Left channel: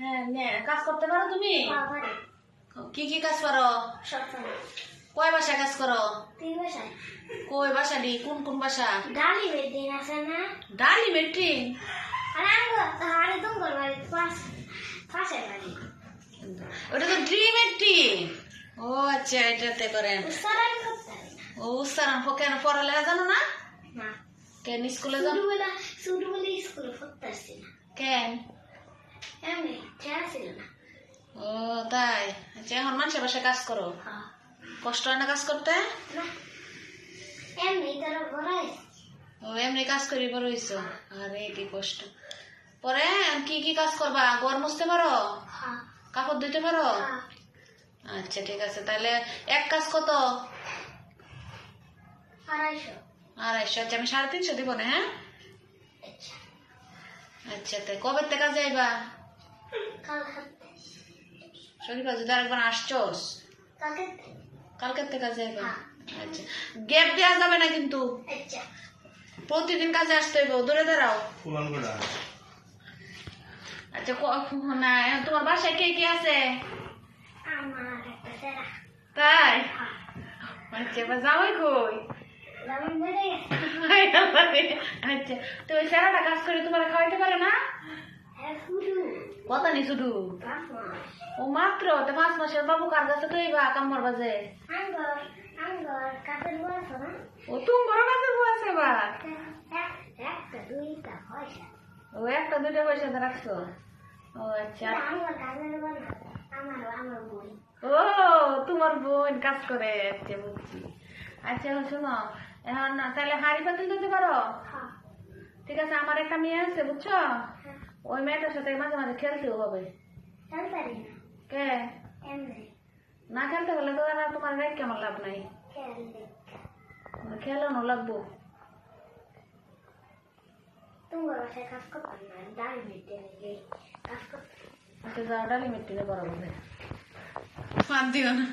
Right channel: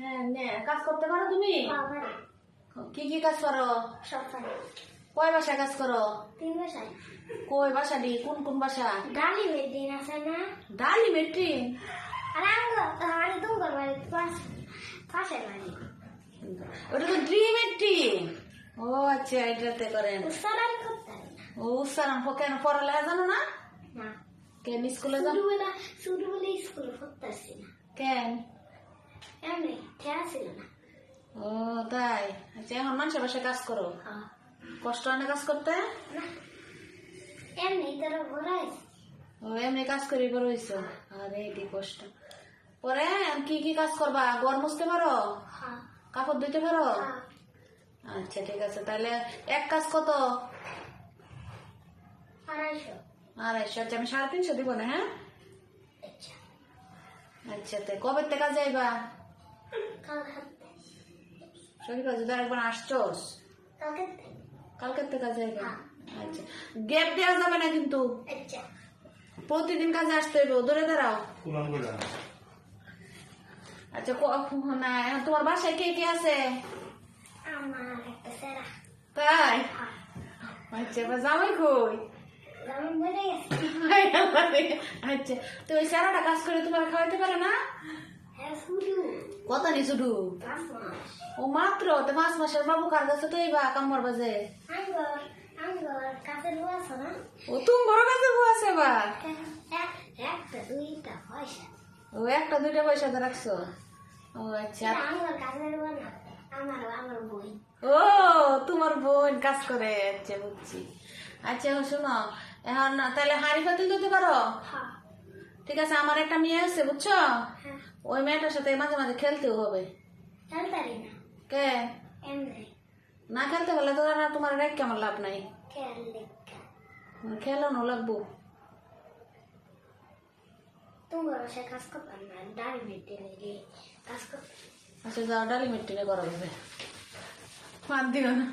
হ্যাঁ নে কাজ করতে পারো তুমি? কি কি কাজ পারো? কয় বাসায় কাজ করো? 3 বাসায়। কই বাসা দি কোন কোন বাসা? ডালি মেডিন আছে না? ডালি মেট্রি আরে আঙ্গো তাহারে দঙ্গল বাড়ি পাশে বাড়ি। ওটা তো ড্রিম মেট্রি। ও আচ্ছা এটাতে করেন। উচ্চারণ করতে হয় না। ও উচ্চারণ কেন পড়ালেখা জানো না? না। কেন স্কুলে যাও? শুধু বলে স্কুলে পড়তে আসছি না। কেন? এমনি খেয়া ছিল না। ও তাই আচ্ছা এখন মানুষের বাসায় কাজ করো? হ্যাঁ। কষ্ট হয় না কাজ করতে? না এমনি তারা বড় হয়েছে। ও এমনি কাজ করি বড় হইছো? আরে কি কষ্ট। পরে কি কি কাজ করবা? ঘর মুছতে পারো? হ্যাঁ। কাপড় ধুতে পারো? হ্যাঁ। আচ্ছা ঠিক আছে তাহলে এক কাজ কত? 250। 250। আচ্ছা আমি 350 দিব না। হ্যাঁ আচ্ছা। আচ্ছা তাই কবে থেকে কাজে আইবা? কাল হাতে। শরীর কাজে তো আরেকবার আসছোস? কালকে। কালকের থেকে কাজে আইবা? হ্যাঁ। আচ্ছা গ্যাপ দেওয়া যাবে না কিন্তু, আচ্ছা। প্রতিদিন কাজে আসতে হইব। ধরে দাঁড়াও। আচ্ছা না তোমার বাসায় কে কে আছে? আমার একটা সেরা। তাই? হ্যাঁ। আচ্ছা এবার জামাই কই? যেমন বেড়ে গেছে। আচ্ছা তো ওই স্যারাটা কাজ করে তোমার খাওয়াইতে পারে না? হ্যাঁ শুধু কত নি শুধু? 5 মাস। ও মাত্র তো 5 মাসের বাবু কার কাছে তো এইবা কামড় বাজে? আঙ্গর কাছের বয়স না? ও তুমি বড় কাছে বউ আছে এবার? একটা 2টা পয়সা। ও একটা দুইটা পয়সা দিয়ে রাখছো? ও আচ্ছা আঙ্গর কাছের বউ না, আমার বই। ও তোমার বোন কাজ করে। আচ্ছা বুঝছি। আচ্ছা এখন শোনো এখন তাহলে হাঁড়ি পাতিল দিতে পারো? হ্যাঁ। ঠিক আছে আমার একটা মেয়ে আছে বুঝছো, হ্যাঁ। ওই মেয়েটার সাথে মাঝে মাঝে খেলতেও হবে। খেলতে পারি না কে? এমনি না খেলতে পারলে তো আর তোমার রেখ কেমন লাভ নাই, খেললে। খেলানো লাগবো। তোমার বাসায় কাজ করতে পারি না, ডাল মেটে গেলে কাজ করতে। আচ্ছা যাও ডালি মিট্টি করো, ফাঁদ দিও না।